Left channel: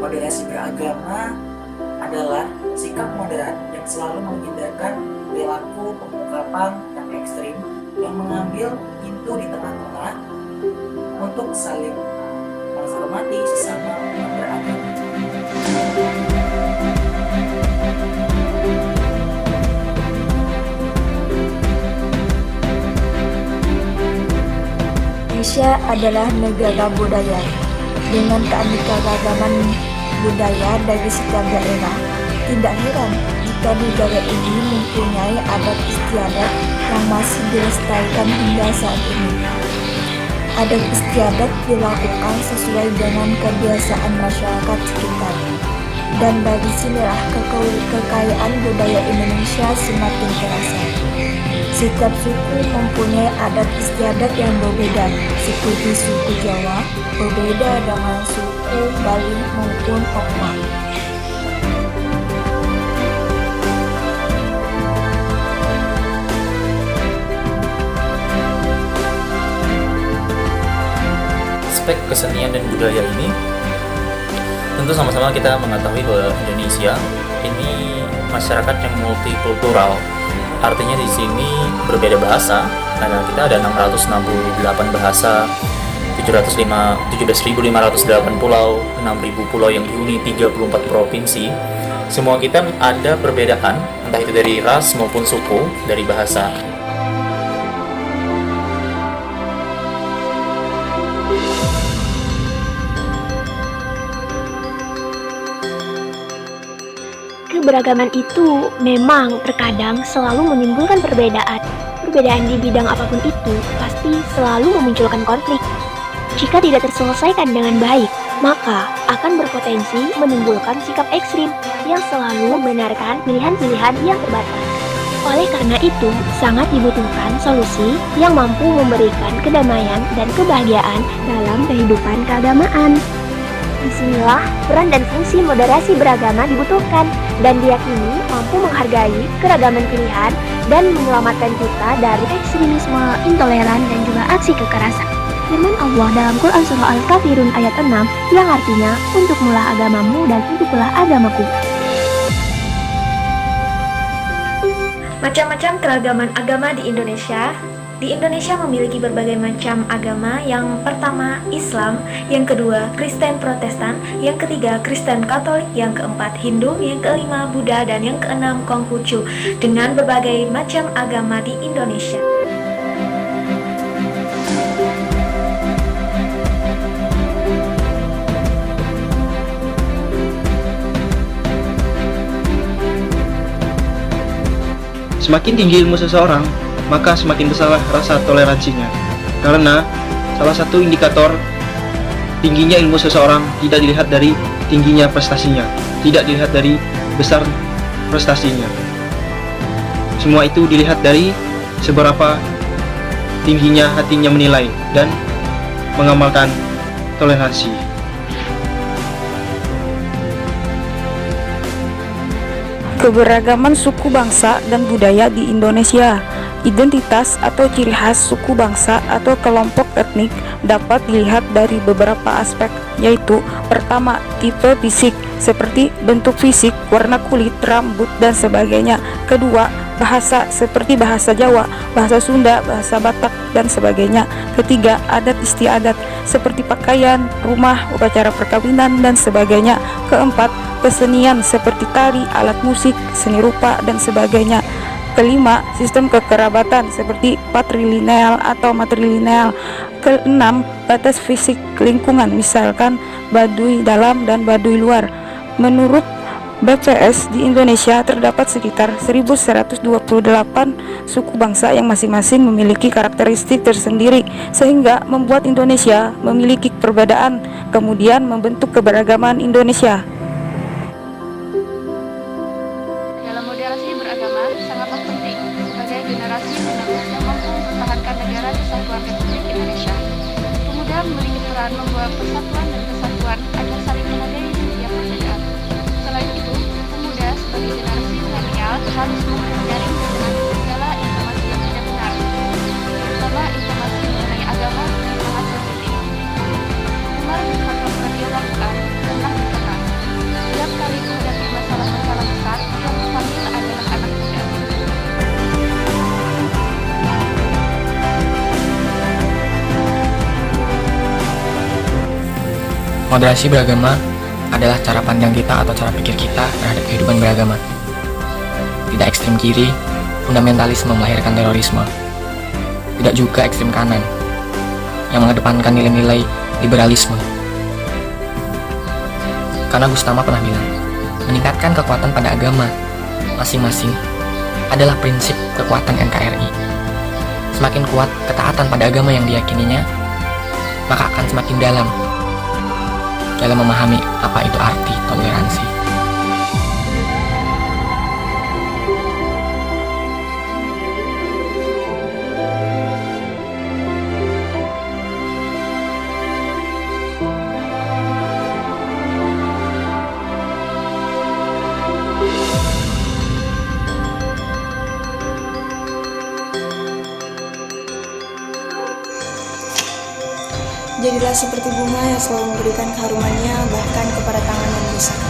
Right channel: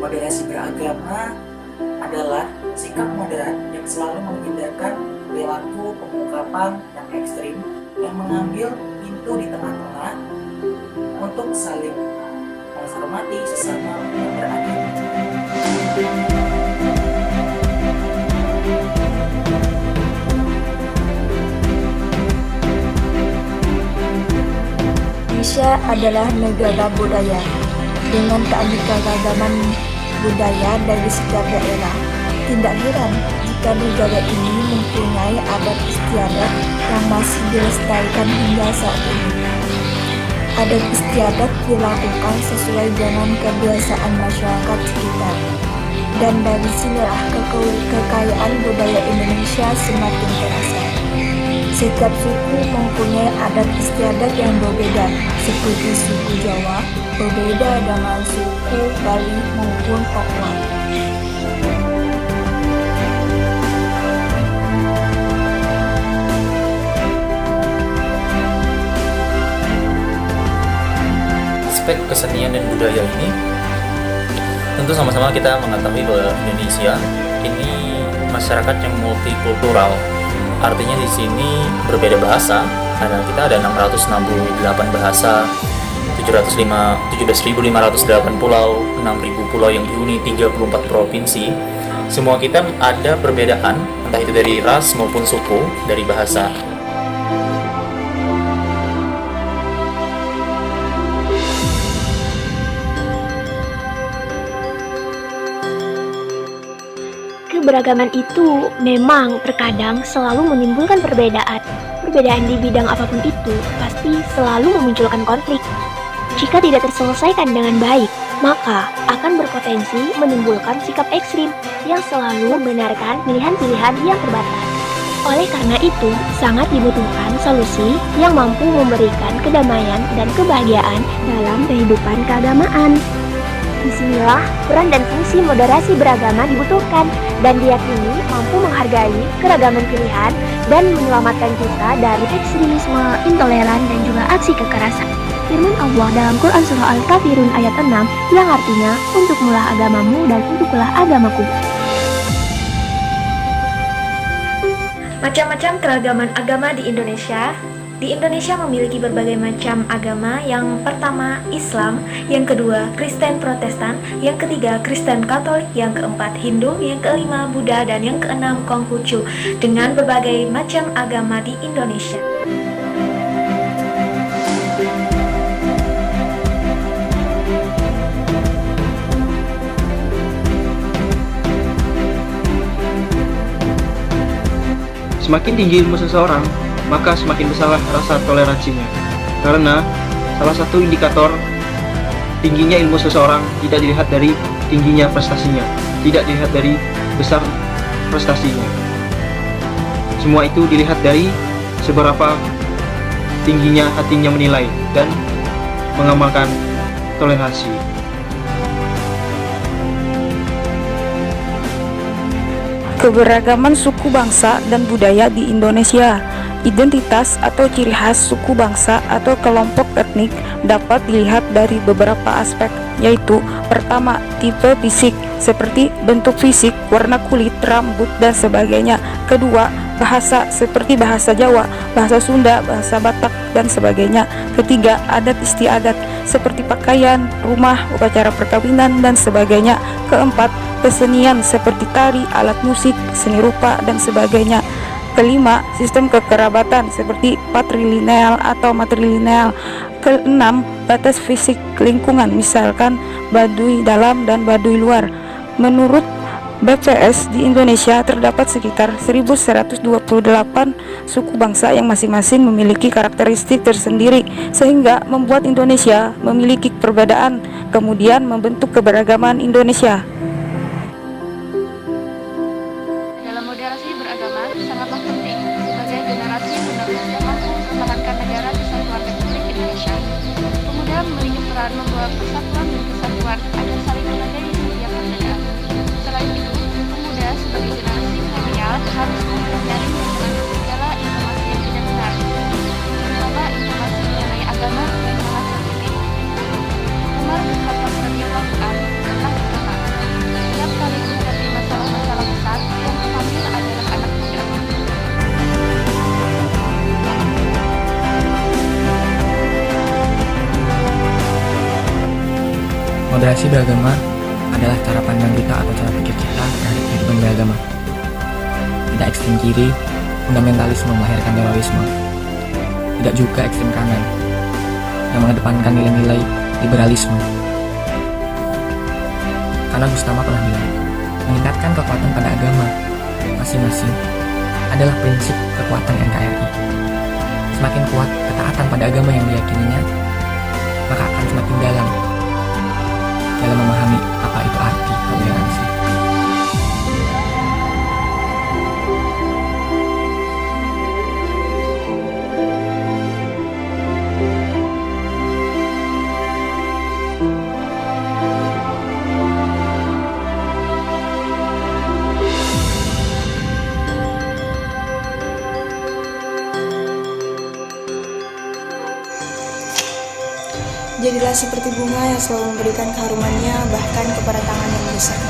Moderasi beragama adalah sikap moderat yang selalu menghindarkan perilaku pengungkapan yang ekstrim yang mengambil pintu di tengah-tengah untuk saling menghormati sesama umat beragama. Indonesia adalah negara budaya. Dengan keanekaragaman budaya dari setiap daerah, tidak heran jika negara ini mempunyai adat istiadat yang masih dilestarikan hingga saat ini. Adat istiadat dilakukan sesuai dengan kebiasaan masyarakat sekitar. Dan dari sinilah kekayaan budaya Indonesia semakin terasa. Setiap suku mempunyai adat istiadat yang berbeda, seperti suku Jawa berbeda dengan suku Bali maupun Papua. Aspek kesenian dan budaya ini tentu sama-sama kita mengetahui bahwa Indonesia ini masyarakat yang multikultural. Artinya di sini berbeda bahasa. Kita ada 668 bahasa, 17.508 pulau, 6.000 pulau yang dihuni 34 provinsi. Semua kita ada perbedaan, entah itu dari ras maupun suku, dari bahasa. Keberagaman itu memang terkadang selalu menimbulkan perbedaan. Perbedaan di bidang apapun itu pasti selalu memunculkan konflik. Jika tidak terselesaikan dengan baik, maka akan berpotensi menimbulkan sikap ekstrim yang selalu membenarkan pilihan-pilihan yang terbatas. Oleh karena itu, sangat dibutuhkan solusi yang mampu memberikan kedamaian dan kebahagiaan dalam kehidupan keagamaan. Disinilah peran dan fungsi moderasi beragama dibutuhkan dan diyakini mampu menghargai keragaman pilihan dan menyelamatkan kita dari ekstremisme, intoleran, dan juga aksi kekerasan. Firman Allah dalam Quran Surah Al-Kafirun ayat 6 yang artinya, untukmulah agamamu dan untukkulah agamaku. Macam-macam keragaman agama di Indonesia. Di Indonesia memiliki berbagai macam agama. Yang pertama Islam, yang kedua Kristen Protestan, yang ketiga Kristen Katolik, yang keempat Hindu, yang kelima Buddha, dan yang keenam Konghucu. Dengan berbagai macam agama di Indonesia. Semakin tinggi ilmu seseorang, maka semakin besar rasa toleransinya. Karena salah satu indikator tingginya ilmu seseorang tidak dilihat dari tingginya prestasinya, tidak dilihat dari besar prestasinya. Semua itu dilihat dari seberapa tingginya hatinya menilai dan mengamalkan toleransi. Keberagaman suku bangsa dan budaya di Indonesia. Identitas atau ciri khas suku bangsa atau kelompok etnik dapat dilihat dari beberapa aspek, yaitu pertama, tipe fisik seperti bentuk fisik, warna kulit, rambut, dan sebagainya. Kedua, bahasa seperti bahasa Jawa, bahasa Sunda, bahasa Batak, dan sebagainya. Ketiga, adat istiadat seperti pakaian, rumah, upacara perkawinan, dan sebagainya. Keempat, kesenian seperti tari, alat musik, seni rupa, dan sebagainya. Kelima, sistem kekerabatan seperti patrilineal atau matrilineal. Keenam, batas fisik lingkungan, misalkan Baduy dalam dan Baduy luar. Menurut BPS, di Indonesia terdapat sekitar 1128 suku bangsa yang masing-masing memiliki karakteristik tersendiri, sehingga membuat Indonesia memiliki perbedaan, kemudian membentuk keberagaman Indonesia. Dalam moderasi beragama sangatlah penting sebagai generasi penerus yang mampu mempertahankan negara kesatuan Republik Indonesia. Pemuda memiliki peran membawa persatuan dan kesatuan agar saling menghargai setiap perbedaan. Selain itu, pemuda sebagai generasi milenial harus mampu menyaring dan menangkis segala informasi yang tidak benar, terutama informasi mengenai agama yang sangat sensitif. Umar bin Khattab radhiyallahu an pernah berkata, "Setiap kali kuhadapi masalah-masalah besar, yang kupanggil adalah anak muda." Moderasi beragama adalah cara pandang kita atau cara pikir kita terhadap kehidupan beragama. Tidak ekstrem kiri, fundamentalisme melahirkan terorisme. Tidak juga ekstrem kanan, yang mengedepankan nilai-nilai liberalisme. Karena Gustama pernah bilang, meningkatkan kekuatan pada agama masing-masing adalah prinsip kekuatan NKRI. Semakin kuat ketaatan pada agama yang diyakininya, maka akan semakin dalam memahami apa itu arti toleransi. Jadilah seperti bunga yang selalu memberikan keharumannya bahkan kepada tangan yang merusak.